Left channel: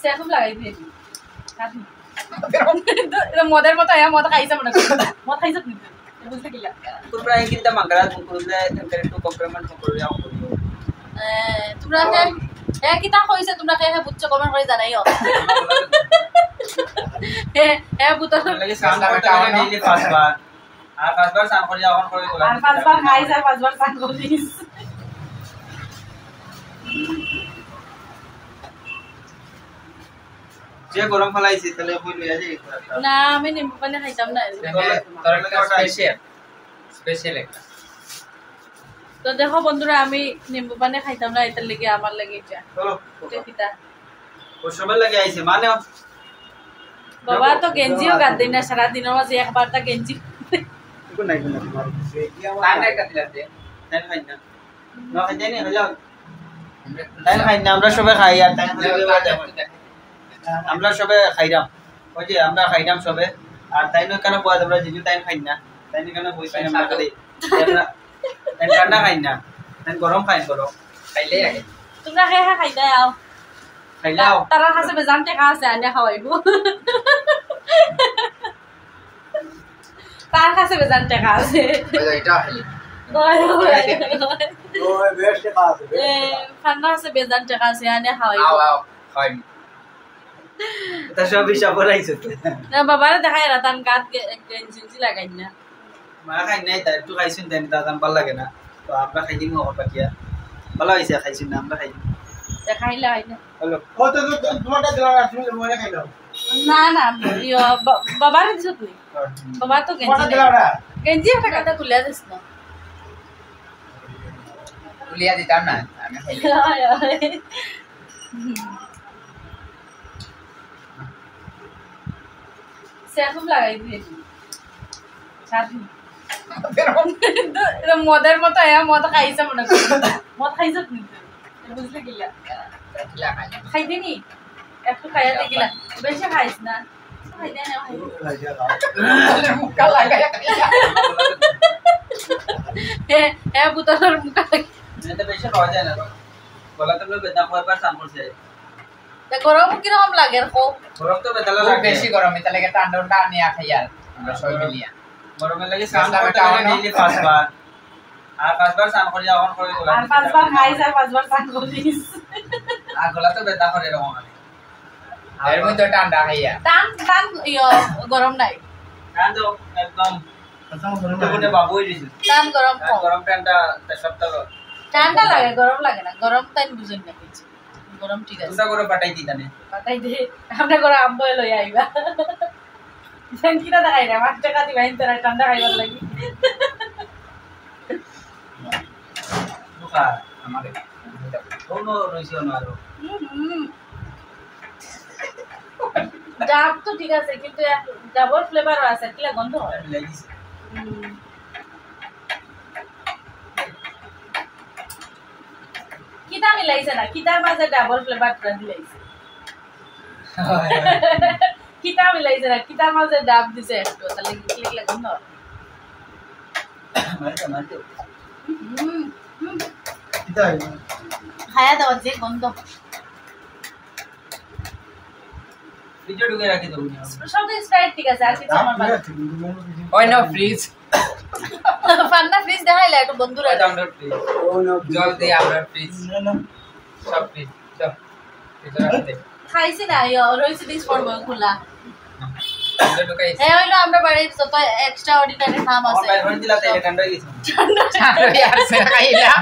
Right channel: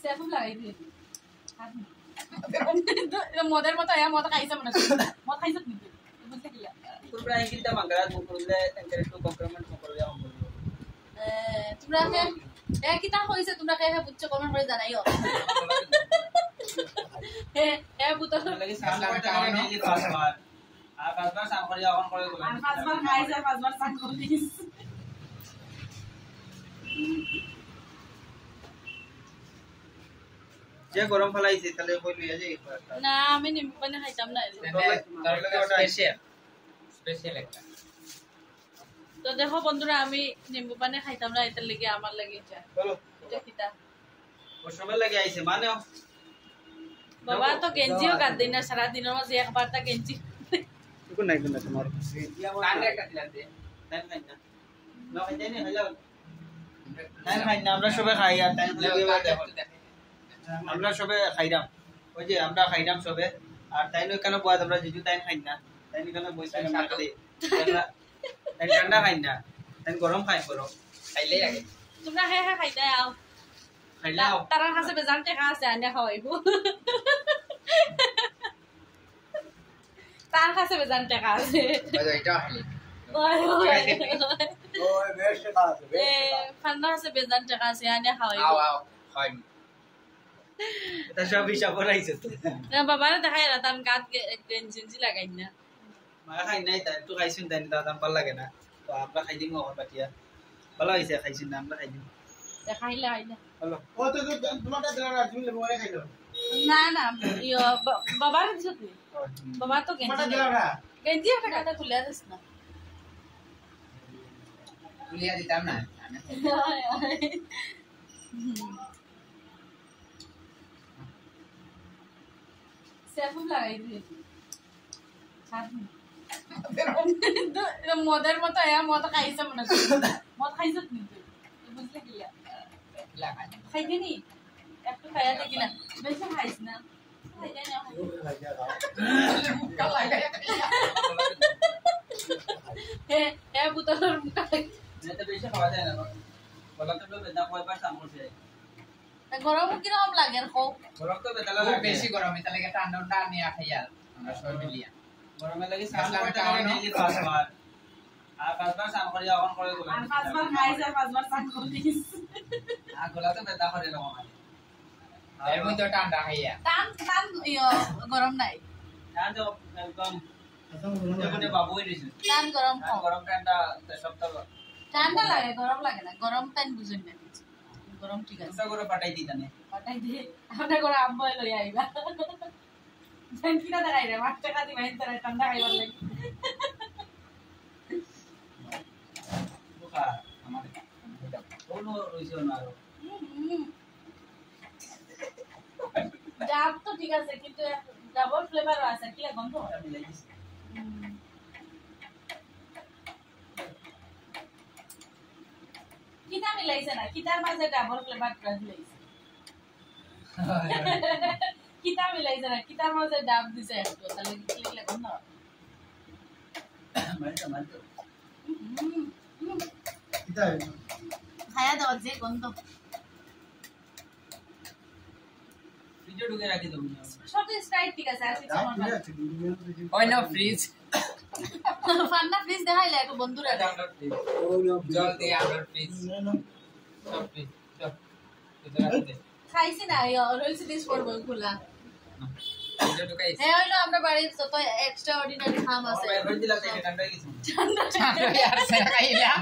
সেরকম লাগাই দিয়ে মদের মতো মদ খাইছে মনে করি মদ খাইছে কিন্তু বুঝতে কিলা তোমরা কিন্তু মাগরা করলে একটু কমপ্লিমেন্ট করবে আও করিও তোমরা কিতা কইছে তোমরা কে বুঝছো কমেন্ট করে জানাইও বুতল লাগে সান করতে গেলে ডেইলি পাঁচবার আর পাঁচবার সান করে যখন করে গোলা আর পাঁচবার খাইছ আর পাঁচবার সান করিস যে গরম ফলাইছে তাহলে কই লইয়া যাই না আমি নিম্বু পানি খাইতাম না তোর লাগে স্পেশাল একটা তো দেখো বন্ধুরা আমি নিম্বু পানি খাইতাম না এটার লাগি আমার লাগি চলো কিতা ও সবার লাগে আইছে মানে বাবা তো গেঞ্জিও গাদ দেই না সারা দিনের মাঝে একবার তা গেঞ্জি কোন নাই কোন তানে কাটিলাতে তাই খাই না না খাই জানি হলো তাই খাই না আমরা সবাই খাই আর তাই আমরা সবাই খাইরাম ওই যে আমরা খাইরাম সবাই আর তাই নয় কেন বয়া তোমরা জিজু তাই খাই না তাই কেন বই পাই আমরা খালি তাই ঠান্ডা খাই না তাই গরম খাই করো খাইলে আগে তোমরা হে হে খাইতা আও খাইলাও তারা কাছে বেজানতে খাসে আনে খাওয়াইবো তার কাছে বেজানতে খাসে এটা খালি ওই বেশ খাসে খান্না আছে বেজানতে খাসে আনে খাওয়াইবো আও আও খাই এটা সব হিসাব করাইছে না বাবারে দেখাই না তান গাত গেঞ্জি লাগাই না মা খাই নাই তাই একটু খাইছুন তাই দাদাম ভাল লাগে না তো আমরা খাই দিন ওর বাকিয়া ভালো হইছে খাইছুন না আমরা খাই দেখাইলে হয় না হলো ও তো তোমারটা দিলা না তুমি মনে খাইলো না না বাবারে দিছ তুই বাবা তো তোমারটা গেঞ্জি দিলা না গেঞ্জি একটা কথা তুলে দিস না তুলিয়া দিতাম না আমি খাই সেরকম লাগাই দিয়ে মদের মতো মদ খাইছে মনে করি মদ খাইছ কিন্তু বুঝলে কিলা খাইতে নি একটু খাইয়া দেখিলা বেশি খাইছ না খাইতে না বুতলের মুখা এটা বেশি খাওয়া যায় না গলা তো বেদনা কয়বার সান করছে গরম কিরকম লাগে গরম তো বেদনা লাগে বেশি গরম এটা লাগে ঠান্ডা নিয়ে খাই আর আমরা সবাই মিলিয়া গরমের লাগে সান করতে গেলে ডেইলি পাঁচবার আর পাঁচবার সান করে যখন করে গোলা আর পাঁচবার খাইছ আর পাঁচবার সান করিস আর গলা তো বেদনা করে এরকম এর মধ্যে ঠান্ডা খাইয়া টান টান গরম নাই কান তো একদম তখন বাবুই দিছে টান গরম কম গরম ঠান্ডা সপ্তাহ ঠান্ডা লাগে গরম লাগে না গরম তাই বুঝেন না কিছু গরম ঠিক আছে দুটা করে পাঠাই দিতানে পাঠাই দে আমরা করে আম্বো লই আইবা জান কিটা দেখাই না 5 টাকা দিবা ইনতারা ঠান্ডা খাইবার লাগি দুকা আমারে কোনো রইছে না আর ডাব তো ঠিক আছে কিন্তু ডাবল ফ্লেভারও আছে কিলা গন্ধ হয় লাগিছে কিটা মিলাইছে না কিটার মাঝে ডাবল ফ্লেভার করে দিলাইছে কিটা মিলাইছে না কিটার মাঝে ডাব দিছে একটু তাহলে কিলা গন্ধ মাইতো মাইতো এটা খায়া দাও যে গন্ধ ভিডিও ঢুকে রাখি দাও সব তো স্প্রাইট ঠিক আছে আর কিছু আমার ভালো ওই না ফ্রিজ ফান্না ফ্রিজ দেখাইলা একটু বন্ধুরা এটা আমরা প্লিজ জল দিয়ে আমরা ফ্রিজ সব ফ্রিজ সব ভিতরে রাখতে খাইছি না রয়েছে ডিশ করবো খোলা আমরা ঢুকাই হইলো আমরা বাড়ির যত এক্সট্রা অর্ডিনারি খাম আছে বাইরে হন দিলা তাই ঠান্ডা হয়ে গেছে চারই আছে খাইলা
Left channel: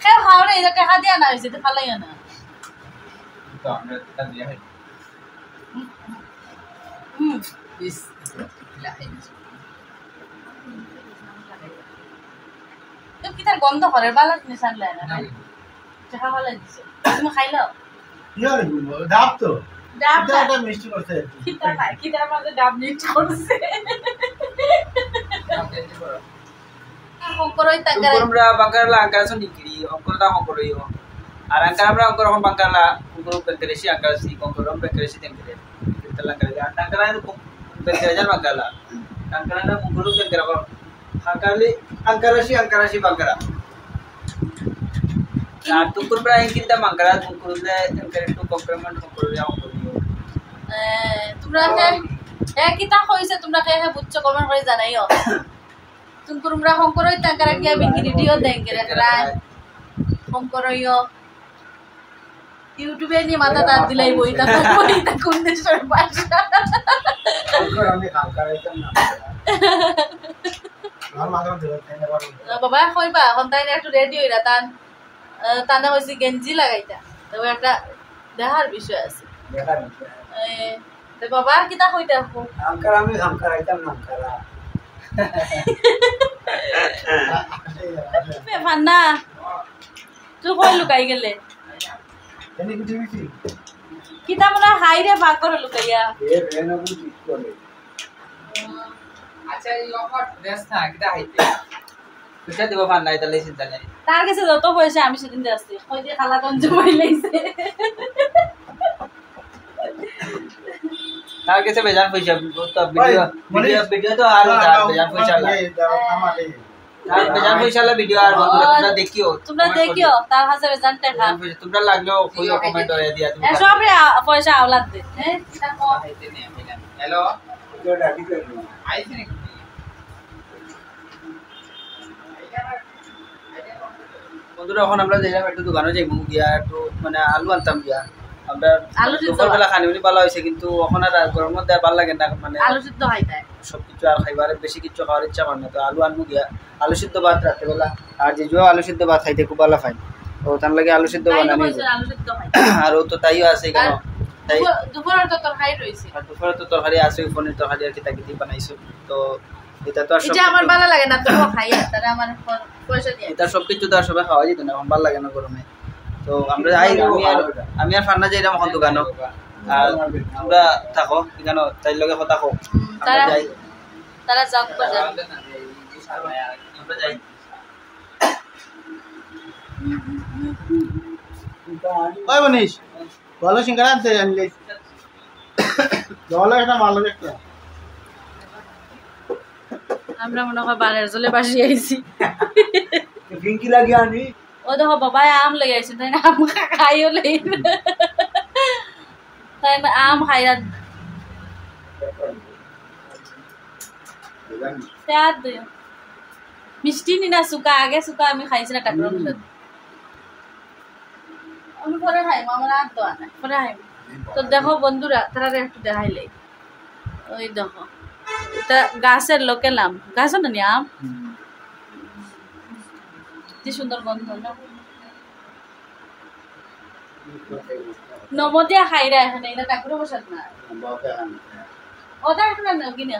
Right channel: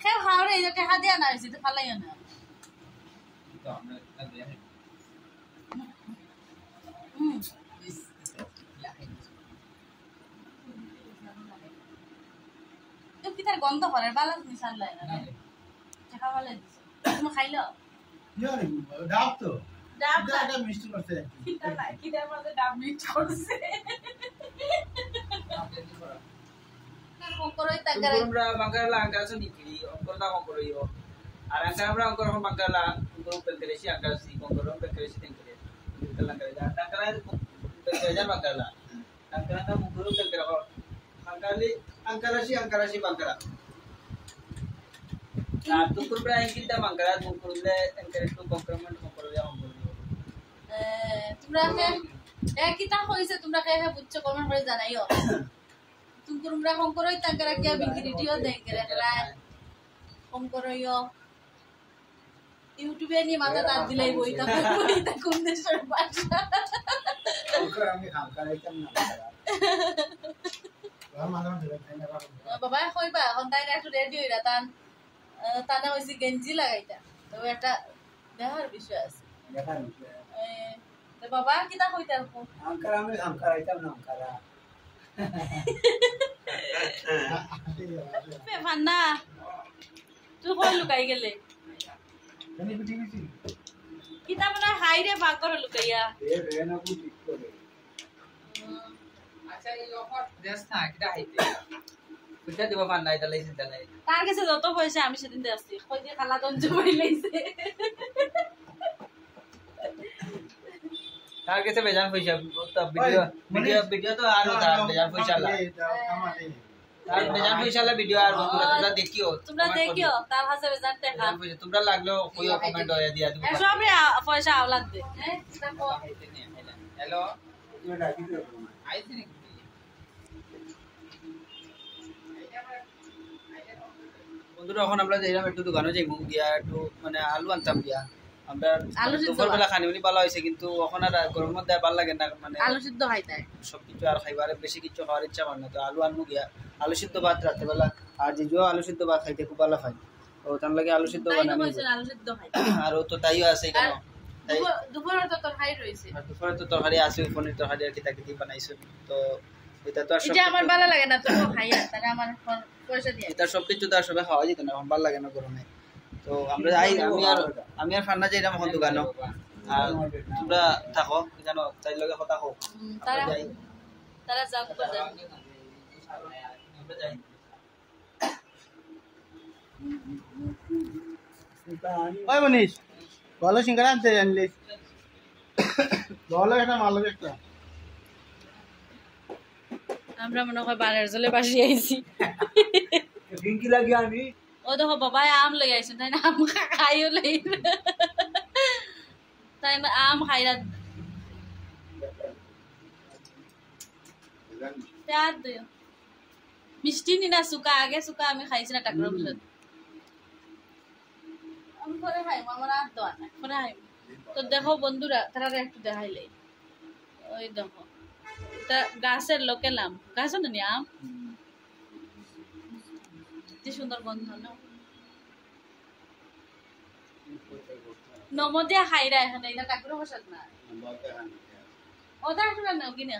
খেয়ে খাওয়ারে এই টাকা দিয়া না হয়েছে তো ফালাইও না তো আমরা এটা দিয়ে খাই ইস লাহাই তো কি তার গন্ধ করে বালা নিশান লাগে না টাকা ফালাই দিছে তুমি খাইলো ইয়ার ডাব তো ডাব এটা মিষ্টি করছে কিতা খাই কিতার মাঝে ডাব নিচ করছে করই তাকারে আমরা বাঙ্গালা আঙ্কার নিকিরি অঙ্করটা অঙ্করইও আর আঙ্কার আমরা অঙ্কর এখন বাঙ্গালা অঙ্কর পেন্টেরেসি আঙ্কার সি অঙ্করম পেন্টেরেসি তেমতে তেলা করে আঙ্কার তো পেন্টেরেজার বাঙ্গালা আঙ্কার না অঙ্কর পেন্টেরা আঙ্কারলি আঙ্কারাসি বাঙ্গালা আর তুকুর প্রায় কিন্তু মাংকারা তুকুরলে একটু কমপ্লিমেন্ট করে তোমরা কিতা হইছে তোমরা কে বুঝছো কমেন্ট করে জানাইও তুমি তোমরা হোম করই তাকারা কি আমি ভিডিও দেন করে হোম করইও ইউটিউবে নি মাথা দাঁত দিলাই বইতা কোন দেশের ভাষা আমি কাম করাইতাম না বাবা কইবা এখন তাই একটু রেডি হইরা তানে হইছে গেঞ্জি লাগাইতা তবে একটা দেখার বিষয় আছে দেখার বিষয় বাবা কিতা কইতা আমি কাম করাইতাম না করা ফান্না তুই কই লুকাই গেলে এনি কি টিভি কিতা মনে হাই রে ভাগ করে লুকাইয়া এ রেনো বুঝি করে আচ্ছা এই অফার দেশ না কিটা হাইতে পয়সা দিব পান নাই তাহলে চিন্তা নাই তার কাছে যত পয়সা আমি সেদিন দিয়ে আসছি কই দিয়ে খালা তন জমাই লাইছে তার কাছে বেজান পয়সা তো ভিডিও তো আর বেজান পয়সা লাগে আর বেজান পয়সা লাগে ভিডিও আর তোমরা দেখিও তার কাছে বেজান টাকা তোমরা লাগলো কইও কমেন্ট হয়ে দিয়া দিও সব পয়সা আওলাদ দে হ্যাঁ এটা কো হাইতে নে হ্যালো তো ডাকি দে আইছি নাকি বন্ধুরা এখন আমরা যাইলাম একটু দোকানে যাইবো গিয়া একটু মানে আলু আনতাম গিয়া আমরা আলু সিদ্ধ দুপুরবেলা খানিউনি ভালো হয়েছে কিন্তু এখন আর গরমের দেয় ভালো লাগে না মানে আলু সিদ্ধ খাইতে সবকিছু আর খাইবার বেশি কিছু খাওয়ার ইচ্ছা করে না তো আলু আনবো গিয়া আলু সিদ্ধ ভাত রাত্রেবেলা আর যে আলু সিদ্ধ ভাত খাইতে খুব ভালো খাই তো তার লাগে আলু সিদ্ধ বানানি আলু সিদ্ধ খাই আর ও তো তাইও আছে কেন তাই দুপুরের তো তরকারি রইছে আর দুপুরে তো তরকারি আছে পনির তরকারি আর কিতা কিতি বানাইছো তো এটা তো আর এটা আমার ভালো লাগে না তো খাই আর তারা আমার পয়সা দিয়ে এটা সবকিছু তো আর সবাই খাওয়া যেত না এখন ভালো লাগে না গরমে তো আমরা যাই আমি আর ফান্না যাইলাম এখন দোকানও আর তোমরা থাকো এখানে তাই লগে কথা কো আমরা যাই তারা জব করে আমরা যাই ওই মনীষ ভালো সিঙ্গারা আনতে জানলে ভালো একটা মাল একটা আমরা মনে হয় বানের জলে বাসি আইছি ডিঙ্কি লাগি আনি ও দেখো বাবা আম লই আইছে তাই না আম খাইও লই তাই না আম খাইরা প্যার দিও মিষ্টি নি না সুকা আগে সুকা আমি খাইছি না টাকরম সাথে আমি পরে খাই আমার আর তো আনা পরে খাই তো দেখো বন্ধুরা তারা একটু দেখাইলে ওই দেখো এটা গাছের লোকেল আম গাছের না আম কি সুন্দর গন্ধ না নমদিয়া খাইরা এখানে এটা টাকুরে বসাত না ওটা এখন না কিনা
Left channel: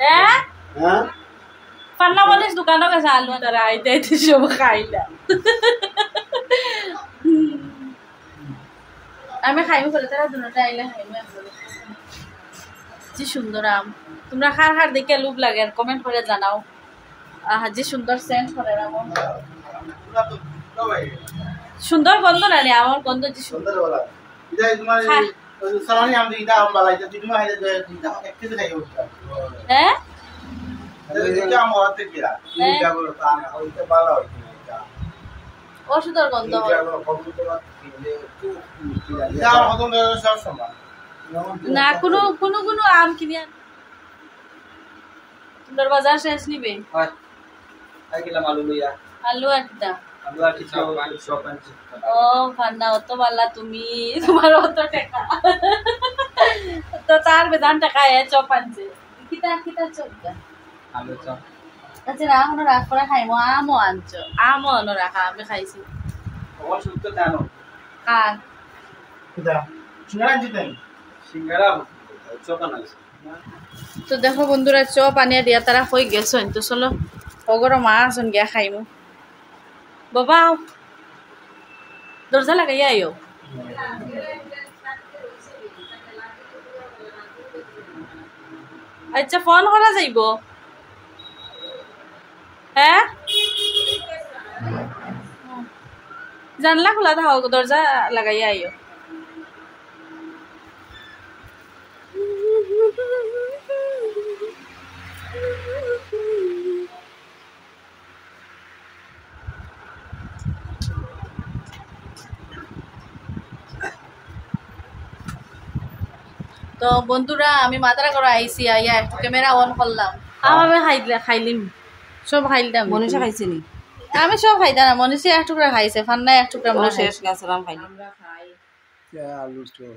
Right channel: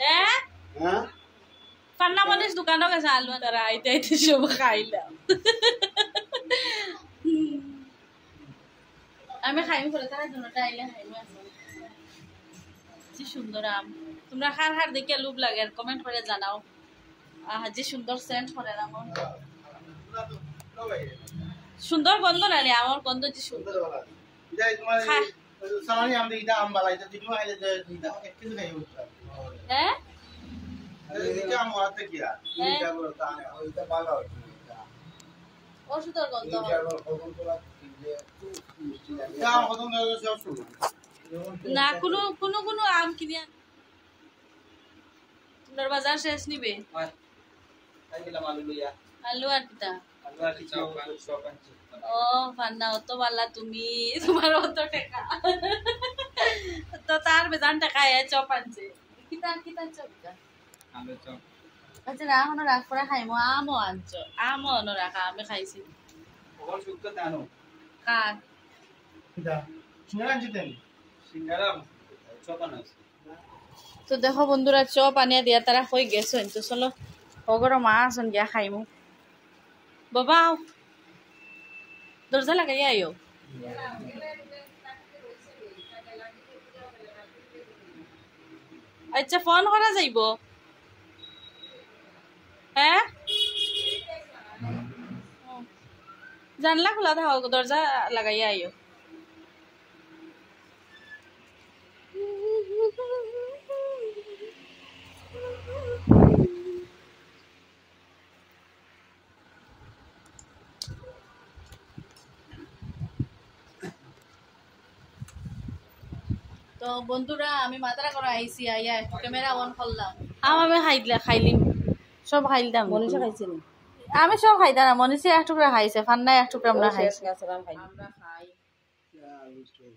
হ্যাঁ হ্যাঁ পান্না মনিস দোকানে গেছে আলু তারা আইতে আইতে সব খাইলা আমি খাইবো করে তারা দুটোটা আইলে খাইবো যে সুন্দর আম তোমরা খার খার দেখে লুভ লাগে কমেন্ট করে জানাও যে সুন্দর সেন্ট করে আম সুন্দর গন্ধ না রে আমার গন্ধ যে সুন্দর সুন্দর বলা এটা তোমার সালানি আম দিটা আম বালাই তো তুমি হাইলে দিটা এক কেজি খাইও হ্যাঁ এটা আম হতে কিরা এই যাবো তা ওইটা ভালো হইছে এটা অসুন্দর গন্ধ এটা আমরা কবুল তো কিনলে এটা আম হতন সব সমান না কোনো আম কিনে তোর বাজার শেষ নিবে হয় আই গেলাম আলু লইয়া আলু একটা আলু আর কিছু সব আনছি ও ফান্না অত বালা তুমি তোমার অত টাকা তো তার বেদান টাকা চপ আনছে কিতা চপ আলু চপ আচ্ছা রাখো রাখ করে খাইমো আমও আনছো আমও আনো রাখা আমি খাইছি অল সুক্ত জানো কার কিটা সিঙ্গারা আনছিতেন সিঙ্গারা চপ আনাইছে তো দেখো বন্ধুরা চপ আনিয়া দিয়া তারা হয়ে গেছো তো চলো অগর মা আসুন গিয়া খাইমু বাবা দরজা লাগাইয়া আইও আচ্ছা ফোন করা যাইব হ্যাঁ জানলা খোলা থাকো দরজা লাগাইয়া আইও তো বন্ধুরা আমি মাত্রা করে আইসি আইয়া একটু ক্যামেরা অন করলাম আমি খাইলিম সব খাইলাম মনীষা খাইছে নি আমি সব খাইতাম না মনীষা এক টুকরা খাইছে ফান্না এক টুকরা ও শেষ গাছ রাম খাইলি আলু স্টোর